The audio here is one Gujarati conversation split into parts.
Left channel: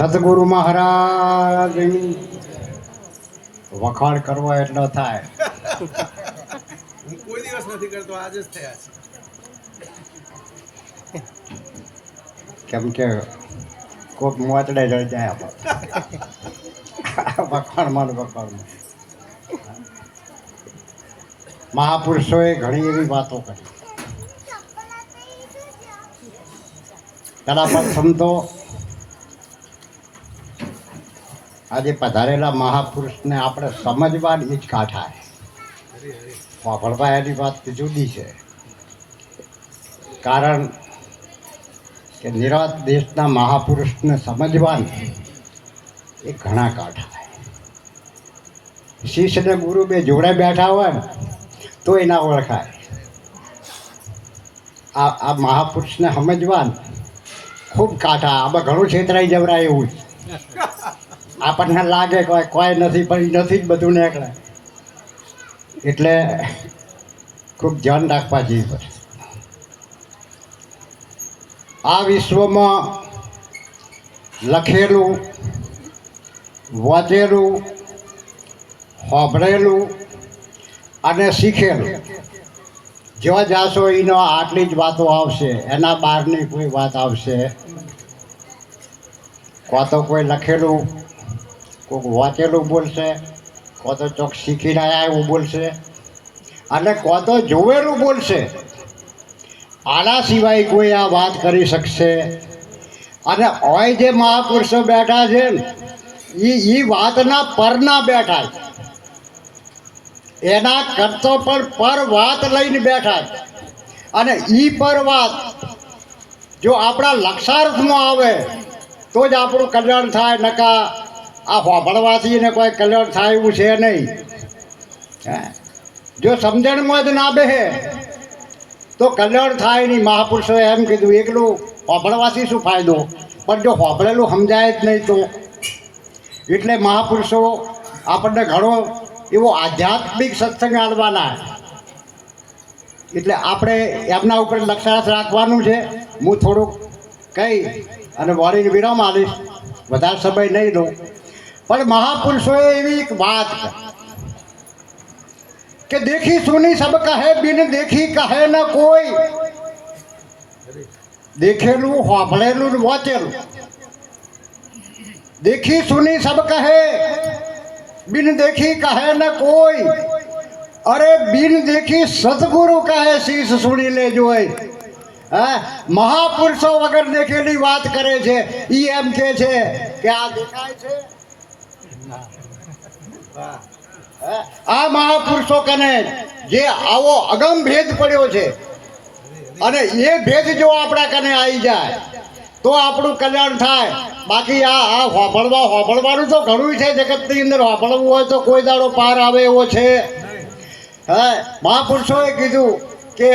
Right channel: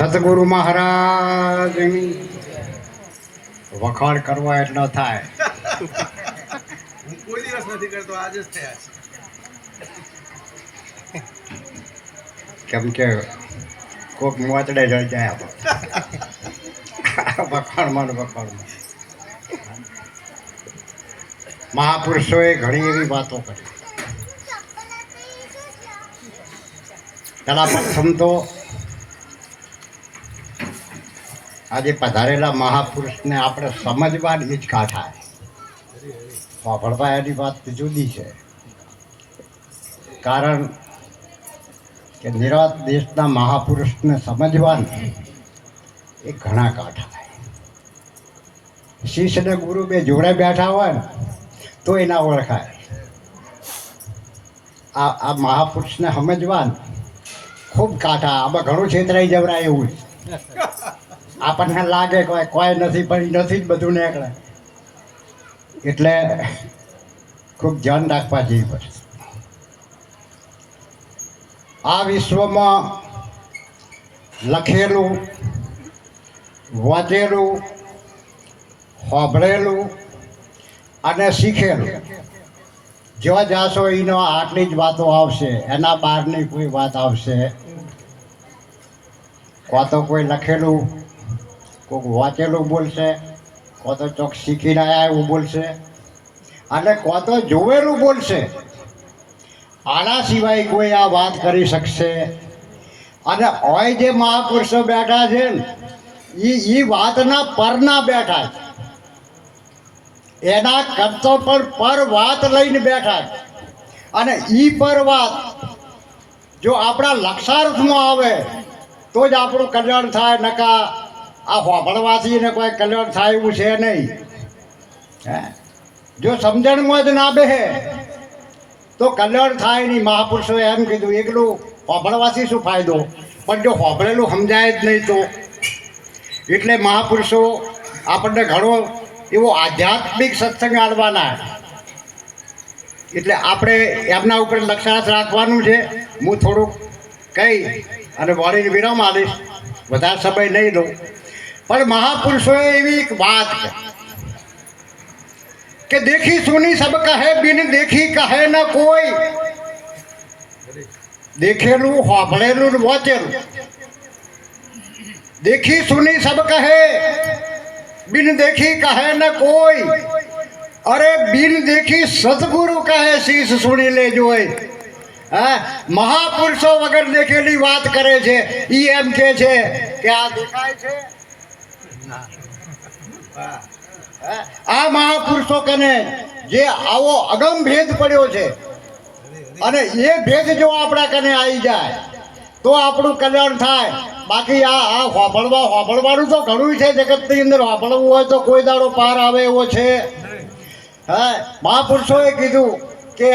સદગુરુ મહારાજની વખાણ કરવા એટલો થાય. હું કોઈ દિવસ નથી કરતો, આજે જ થયા છે. કેમ કે કોક મોતડે જઈ જાય વખાણમાં. મહાપુરુષોએ ઘણી એવી વાતો કરી. તેના પ્રથમ તો આજે પધારેલા મહાપુરુષને આપણે સમજવાની જ કાઠા સાંભળવા એની વાત જુદી છે. કારણ કે નિરાત દેશના મહાપુરુષને સમજવાનું એ ઘણા કાઠા. શિષ્ય ને ગુરુ બે જોડે બેઠા હોય ને તો એ ના ઓળખાય. આ મહાપુરુષને સમજવાનું ખૂબ કાઠા. આમાં ઘણું છેતરાઈ જવરાય એવું આપણને લાગે કોઈ નથી, પણ નથી જ બધું નીકળે. એટલે ખૂબ ધ્યાન રાખવા જેવી પડે. આ વિશ્વમાં લખેલું, વાંચેલું, સાંભળેલું અને શીખેલું જો જાશો એનો આટલી જ વાતો આવશે. એના બહારની કોઈ વાત આવશે. કાં તો કોઈ લખેલું, કોઈક વાંચેલું બોલશે, કાં તો ચોક શીખીને આવ્યા એવું બોલશે, અને કાં તો જોવેલું બોલશે. આના સિવાય કોઈ આ વાત કરી શકશે. અને હોય જે મહાપુરુષો બેઠા છે ને એ વાતના પરના બેઠા છે. એના કરતો પણ પર વાત લઈને બેઠા. અને એ પર વાત જો આપણા લક્ષાર્થમાં આવે તો જ આપણું કલ્યાણ થાય. નકા આ હોભળવાથી ને કોઈ કલ્યાણ થાય એવું છે નહીં. જો સમજણમાં જ ના બેહે તો કલ્યાણ થાય નહીં. મહાપુરુષોએ એમ કીધું એકલું હોભળવાથી શું ફાયદો, પણ જો હોભળેલું સમજાય જ નહીં તો. એટલે મહાપુરુષો આપણને ઘણો એવો આધ્યાત્મિક સત્સંગ આલવાના. એટલે આપણે એમના ઉપર લક્ષાર્થ રાખવાનું છે. હું થોડુંક કહી અને વળીને વિરામ આવીશ, વધારે સમય નહીં દઉં. પણ મહાપુરુષોએ એવી એક વાત કે દેખી સુની સબ કહે, બિન દેખી કહે ન કોઈ. દેખેલું, સાંભળેલું, વાંચેલું. દેખી સુની સબ કહે, બિન દેખી કહે ન કોઈ. અરે બિન દેખી સદગુરુ કહે, શીશ સુણી લેજો. હા, મહાપુરુષો વગર દેખેલી વાત કરે છે. ઈ એમ કે છે કે આ દેખાય છે. આ મહાપુરુષો કને જે આવો અગમ ભેદ પડ્યો છે, અને એ ભેદ જો આપણા કને આવી જાય તો આપણું કલ્યાણ થાય. બાકી આ હોભળવાનું તો ઘણું છે જગતની અંદર. હોભળવું હોય તો કોઈ દાડો પાર આવે એવો છે. હા, મહાપુરુષોએ કીધું કે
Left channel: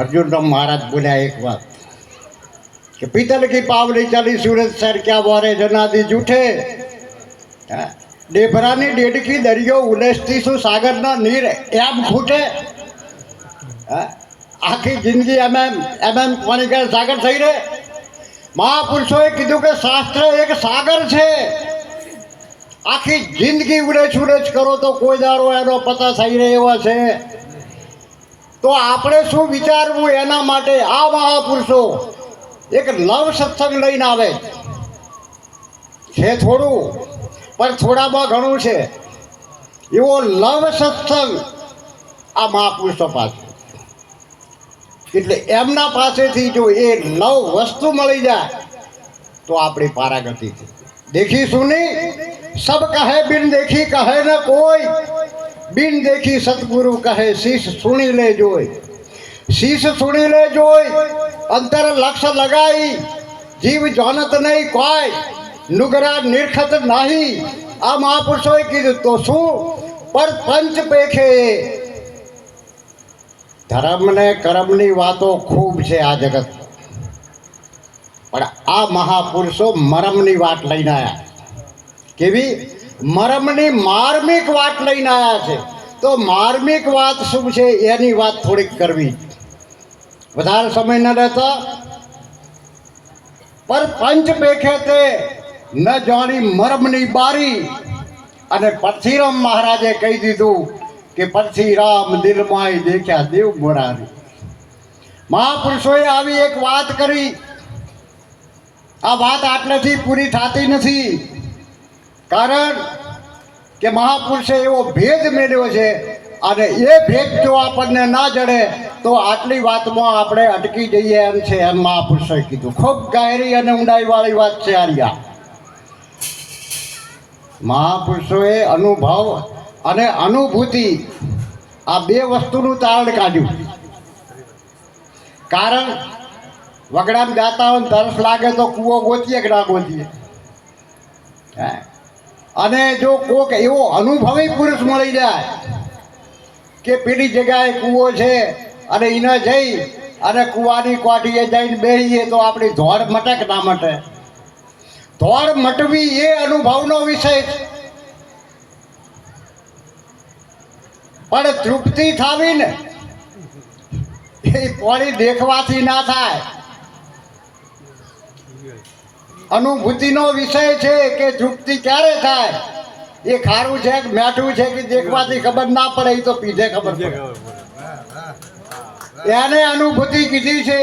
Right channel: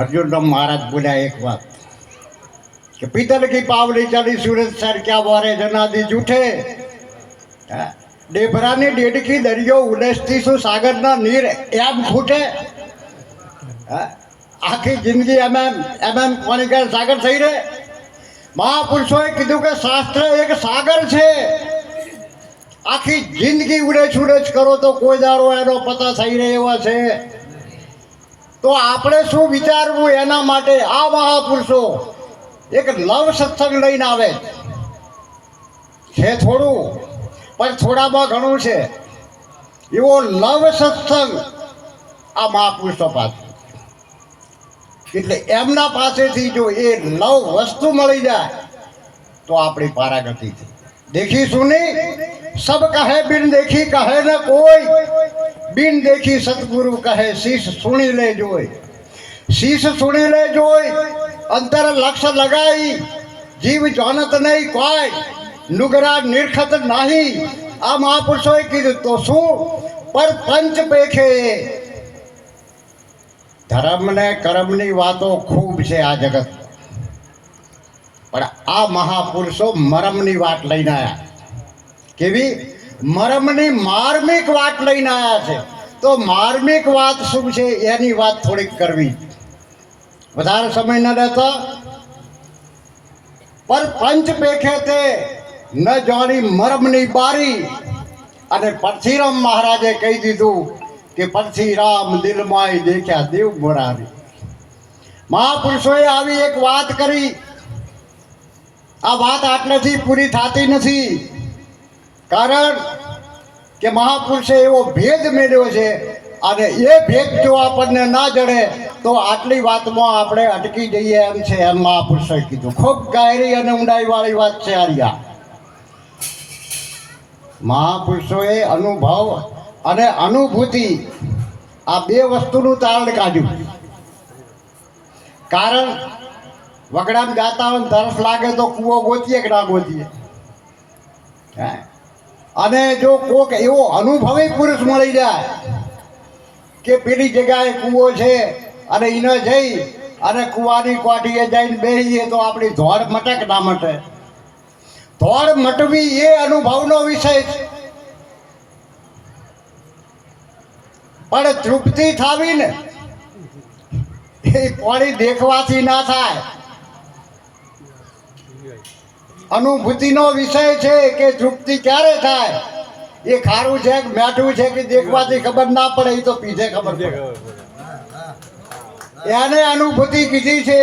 અર્જુન મહારાજ બોલ્યા એક વાત કે પિત્તલ કી પાવડી ચાલી સૂરજ સર ક્યાં બોરે જનાદી જૂઠે. ડેભરાની ડેડકી દરિયો ઉલેસતી શું સાગરના નીર એમ ખૂટે. આખી જિંદગી એમ પાણી કે સાગર થઈ રહે. મહાપુરુષોએ કીધું કે શાસ્ત્ર એક સાગર છે. આખી જિંદગી ઉડેજ કરો તો કોઈ દાડો એનો પતા થઈ રહે એવા છે. તો આપણે શું વિચારવું એના માટે? આ મહાપુરુષો એક નવ સત્સંગ લઈને આવે છે. થોડું પણ થોડામાં ઘણું છે. એવો લવ સત્સંગ આ મહાપુરુષો પાસે. એટલે એમના પાસેથી જો એ નવ વસ્તુ મળી જાય તો આપણી પારાગતિ થઈ. દેખી સુની સબ કહે, બિન દેખી કહે ન કોઈ. બિન દેખી સદગુરુ કહે, શીશ સુણી લે જોઈ. શીશ સુણી લે જોઈ. અંતર લક્ષ લગાઈ, જીવ જાનત નહીં કોઈ. નુગરા નિરખત નહીં. આ મહાપુરુષોએ કીધું તો શું? પર પંચ પેખે. ધર્મ ને કર્મની વાતો ખૂબ છે આ જગત, પણ આ મહાપુરુષો મરમની વાત લઈને આવ્યા. કેવી? મરમની માર્મિક વાત લઈને આવ્યા છે. તો માર્મિક વાત શું છે એની વાત થોડીક કરવી. વધારે સમય ન રહેતા પર પંચ પેખે તે ન જાણી મરમની બારી. અને પરથીરામ મહારાજે કહી દીધું કે પરથીરામ દિલમાંય દેખ્યા દેવ મોરારી. મહાપુરુષોએ આવી એક વાત કરી. આ વાત આટલેથી પૂરી થતી નથી, કારણ કે મહાપુરુષે એવો ભેદ મેળવ્યો છે, અને એ ભેદ જો આપણને ના જડે તો આટલી વાતમાં આપણે અટકી જઈએ એમ છે, એમ મહાપુરુષોએ કીધું. ખૂબ ગહેરી અને ઊંડાઈવાળી વાત છે આર્યા. મહાપુરુષોએ અનુભવ અને અનુભૂતિ આ બે વસ્તુનું તારણ કાઢ્યું. કારણ વગડામાં જાતા હોય ને તરસ લાગે તો કૂવો ગોતીએ કે ના ગોતીએ. અને જો કોક એવો અનુભવી પુરુષ મળી જાય કે પેલી જગ્યાએ કૂવો છે અને એને જઈ અને કૂવાની કોઠીએ જઈને બેસીએ તો આપણી ધોળ મટે કે ના મટે? ધોળ મટવી એ અનુભવનો વિષય છે, પણ તૃપ્તિ થાવી ને એ કોળી દેખવાથી ના થાય. અનુભૂતિનો વિષય છે કે તૃપ્તિ ક્યારે થાય. એ ખારું છે કે મીઠું છે કે દેખવાથી ખબર ના પડે, એ તો પીધે ખબર પડે. એને અનુભૂતિ કીધી છે.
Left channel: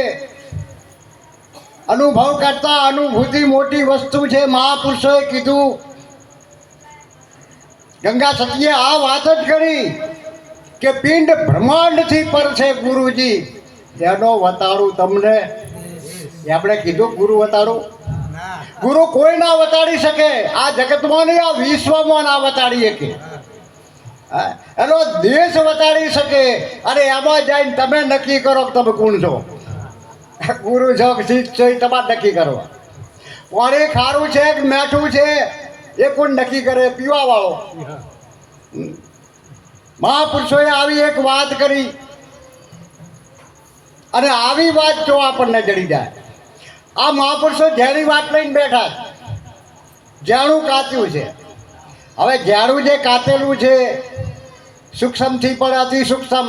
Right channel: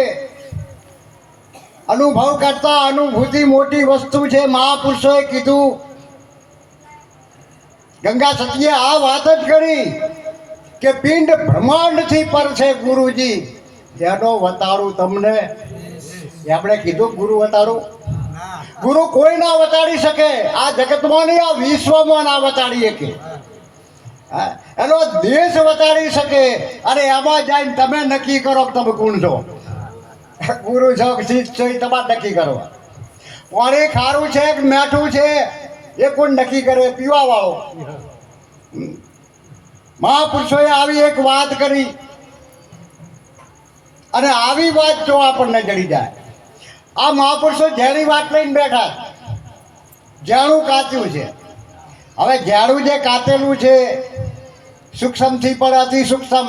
અનુભવ કરતા અનુભૂતિ મોટી વસ્તુ છે. મહાપુરુષોએ કીધું. ગંગા સતીએ આ વાત જ કરી કે પિંડ બ્રહ્માંડથી પર છે ગુરુજી. એનો વતાડું તમને. આપણે કીધું ગુરુ વતાડું. ગુરુ કોઈ ના વતાડી શકે. આ જગતમાં નહીં, આ વિશ્વમાં ના વતાડી શકે. એનો દેશ વતાડી શકે. અને એમાં જઈને તમે નક્કી કરો કે તમે કોણ છો. ગુરુ છો કે શીખ છો એ તમારે નક્કી કરવા. પાણી ખારું છે કે મીઠું છે એ કોણ નક્કી કરે? પીવા વાળો. મહાપુરુષોએ આવી એક વાત કરી, અને આવી વાત જો આપણને જડી જાય. આ મહાપુરુષો જેની વાત લઈને બેઠા, જાણું કાચ્યું છે. હવે જાણું જે કાચેલું છે સૂક્ષ્મથી પણ અતિ સૂક્ષ્મ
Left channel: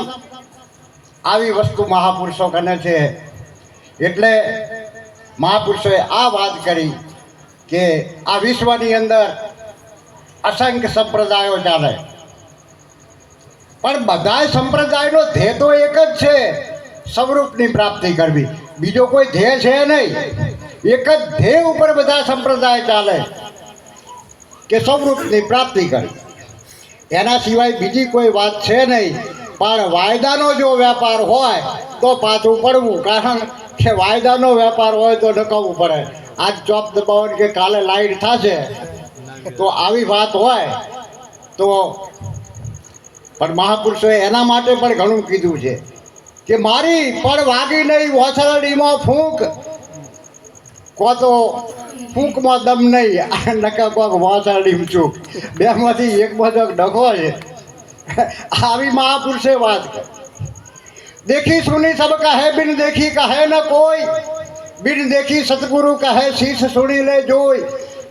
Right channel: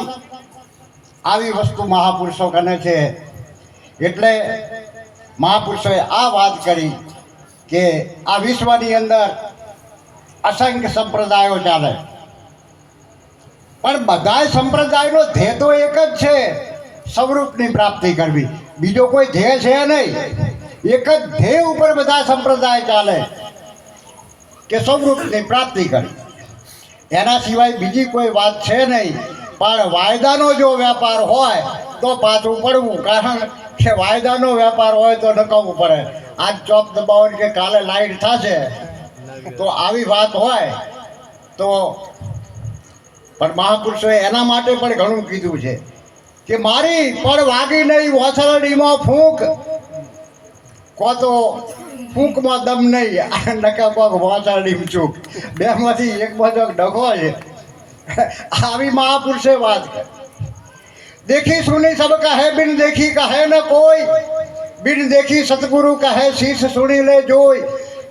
આવી વસ્તુ મહાપુરુષો કરે છે. એટલે મહાપુરુષોએ આ વાત કરી કે આ વિશ્વની અંદર અસંખ્ય સંપ્રદાયો ચાલે, પણ બધા સંપ્રદાયનો ધ્યેય તો એક જ છે, સ્વરૂપની પ્રાપ્તિ કરવી. બીજો કોઈ ધ્યેય છે નહીં. એક જ ધ્યેય ઉપર બધા સંપ્રદાય ચાલે કે સ્વરૂપની પ્રાપ્તિ કરવી. એના સિવાય બીજી કોઈ વાત છે નહીં. પણ વાયદાનો જો વેપાર હોય તો પાછું પડવું, કારણ કે વાયદાનો વેપાર હોય તો નકામવું પડે. આજ ચોપ દબાવવાની કે કાલે લાઈટ થશે, તો આવી વાત હોય તો. પણ મહાપુરુષોએ એના માટે પણ ઘણું કીધું છે કે મારી પણ વાગી નહીં વોસરડીમાં ફૂંક, કો તો ફૂંકમાં દમ નહીં, નકા કોક વોસરડીમાં ચૂક. બેમાંથી એકમાં જો ડખો છે. આવી મહાપુરુષે વાત કરી. देखी सुनी सब कहे बिन देखी कहे न कोई, बिन देखी सतगुरु कहे शीश सुनी ले जोई,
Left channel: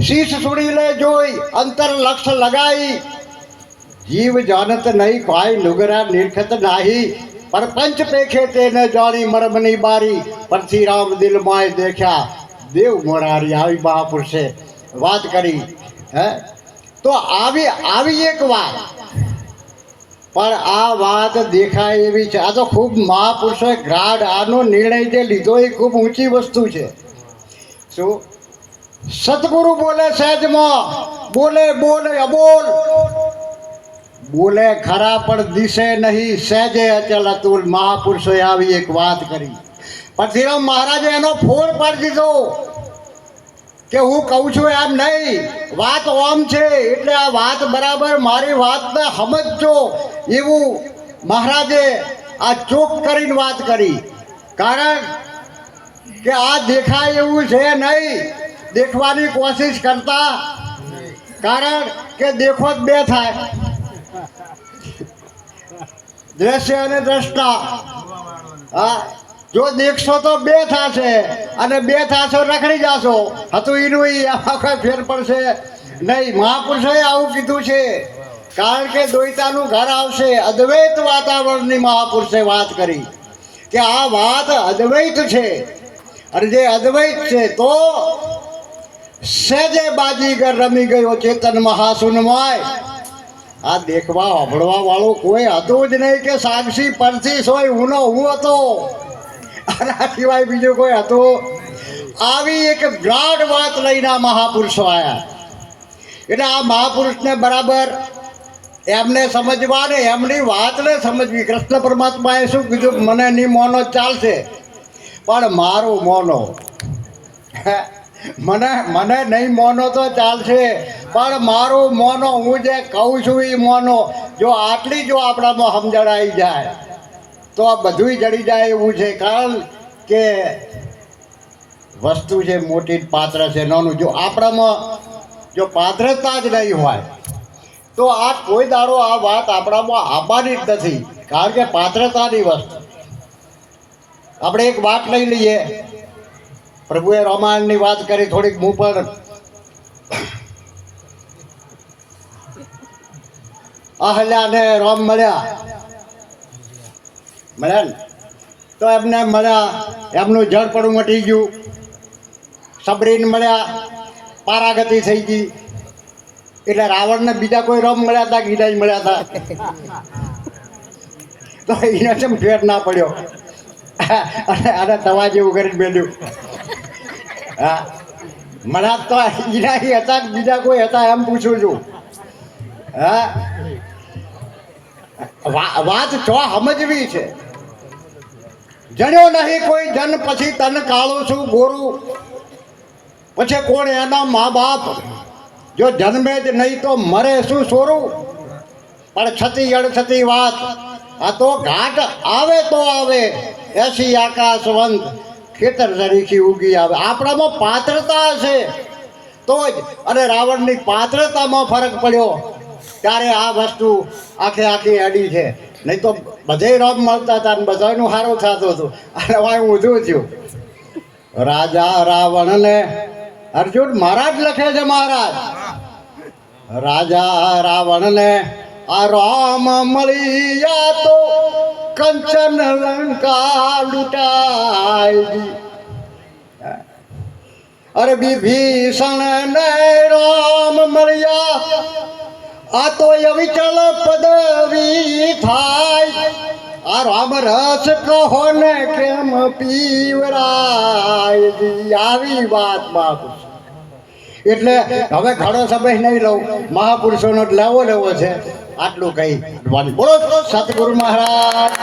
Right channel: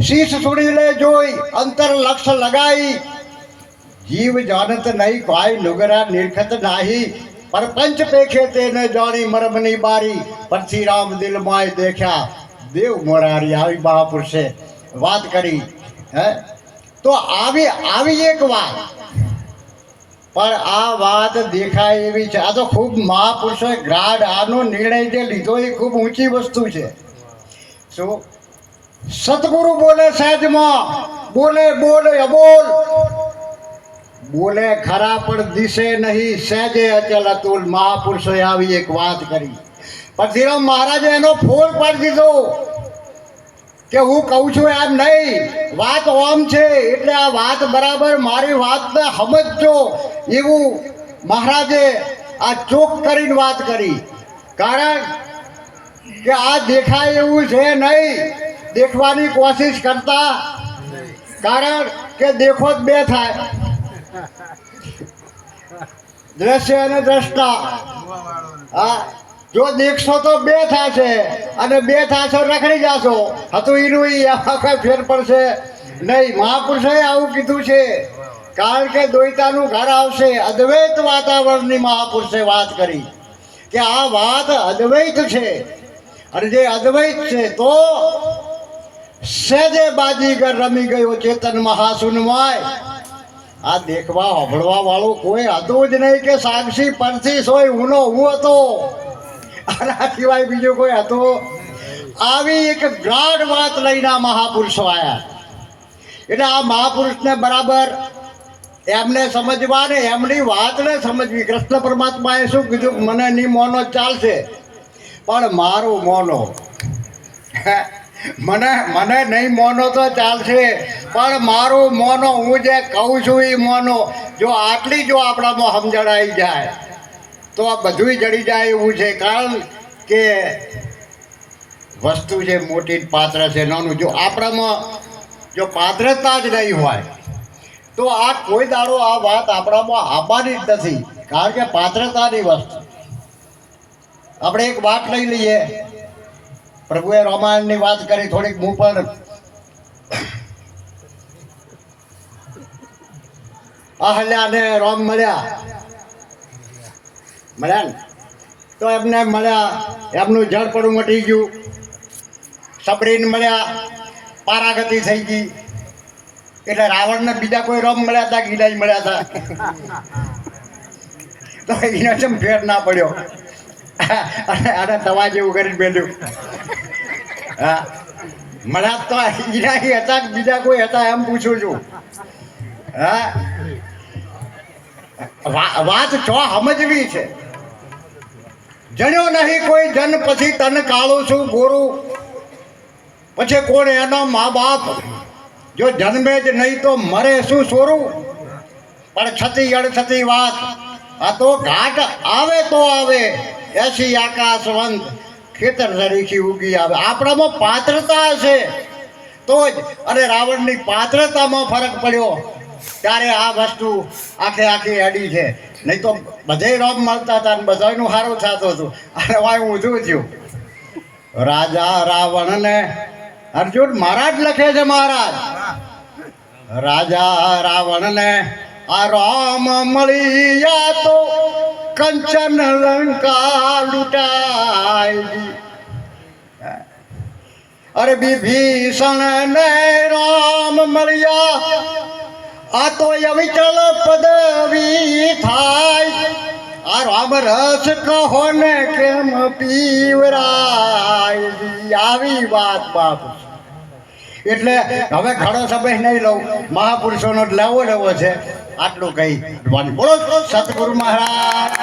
शीश सुनी ले जोई अंतर लक्ष लगाई, जीव जानत नहीं कोई नुगरा निरखत नाही, पर पंच पेखे ते न जानी मरमनी बारी, परथीराम दिल माय देखा देव मोरारी. આવી મહાપુરુષે વાત કરી. હે તો આવી એક વાત, પણ આ વાત દેખાય એવી છે. આ તો ખૂબ મહાપુરુષોએ ગ્રાડ આનો નિર્ણય જે લીધો એ ખૂબ ઊંચી વસ્તુ છે. શું સતગુરુ બોલે સહેજમાં, બોલે બોલે અબોલ, બોલે ખરા પણ દિશે નહીં, સહેજે અચલ અતુલ. મહાપુરુષોએ આવી એક વાત કરી. પરથીરામ મહારાજે એનો ફોડ પાડી દીધો કે હું કહું છું એમ નહીં, વાત ઓમ છે એટલે આ વાત બરાબર મારી વાતને સમજજો, એવું મહારાજે આ ચોક કરીને વાત કરી. કારણ કે આ દેખાય એવું છે નહીં, દેખવાની કોશિશ કરતા. કારણ કે દેખો જ બે થાય, દ્રશ્ય અને દ્રષ્ટા. હા, જો દેખશો તો બે થશે, અને બે થશો રખડી જશો. હતું એનું આખા ફેર પડશે નહીં. મહાપુરુષોએ આવું કીધું છે. કારણ કે દ્વૈતાનું ઘર આવશે. અદ્વૈત વાતાવરણની મહાપુરુષે વાત કરી કે આ વાત અદ્વૈત છે. અને જે અદ્વૈત છે તો સહેજે બાજીગર રમી ગયો ચેતન મહાસુનમય. આ દેખવા સાંભળવા વાળું કોઈ હતું જ નહીં કે સાક્ષી પરથી સોય હુંનો હું હતો. આના સિવાય બીજું કોઈ હતું? આવી એક ગાઢ વાત લઈને આ મહાપુરુષો આવ્યા. એટલે આ મહાપુરુષને બરાબર એમને સમજવા ને એમની વાતને સમજવી. કૃષ્ણ પરમાત્માએ શું કીધું? મને નહીં મોનો ચાલશે પણ મારું મોનો. મને નહીં મોનો તો ચાલશે પણ મારું મોનો, હું જે કહું છું એ મોનો. જો આટલી જો આપણામાં સમજણ આવી જાય તો આ બધું જડી જાય એવું છે. કારણ કે વસ્તુ છે મોટી, પાત્ર છે નાનું. જો આપણામાં જો પાત્રતા જ નહીં હોય તો આ કોઈ દાડો આ વાત આપણામાં આવવાની જ નથી. કારણ કે પાત્રતાની વસ્તુ. આપણે એક વાત લઈ લઈએ. પ્રભુએ રામાયણની વાત કરી થોડીક. હું પણ અહલ્યાને રામ મળ્યા ને તો એમને મળ્યા, એમનું જળ પણ મટી ગયું. સબરીને મળ્યા, પારાગતિ થઈ ગઈ. એટલે રાવણને બીજા કોઈ રામ મળ્યા હતા, ગીડા જ મળ્યા હતા. તો એને જેમ ફેર ના પડ્યો અને તવા જેવું કરીને બેઠું. હા, મળ્યા તો ઈના હતા, બીજા કોઈ હતા એમ પૂછું છું. હા, વાત છો સમજવી છે. જણ્યો નહીં કોઈ જન પછી તન કાળું છું ગોરું. પછી કોણ એના મા બાપ? જો જન્મે જ નહીં તો મરે શું સોરું? પણ છતી અડછતી વાત. આ તો ઘાટ આવે તો આવે, એસી આકાશવંત ખેતર તરીકે ઉગી આવે. આપણામાં પાત્રતા હશે તો જ. અને રાવણની પાત્રતામાં ફરક પડ્યો ત્યારે આ વસ્તુ આખી અડી છે. નહીં તો બધે રોગ મળતા હતા ને બધાનું સારું થતું હતું. અને વાય ઊંધું થયું. રાજા રાવણને અર્જુન મહારાજ લખે છે. મહારાજ રાજા રાવણને આ રામ મળ્યા તો કંચન લંકા લૂંટાઈ. અરે વિભીષણ ને રામ મળ્યા આ તો અવિચળ પદવી થાય. આ રામ રસ કહો ને કેમ પીવરાય. આવી વાત બાપ. એટલે હવે ઘણો સમય નહીં લઉં, મહાપુરુષોનો લેવો છે. આટલું કઈ બોલો સતગુરુ મહારાજ.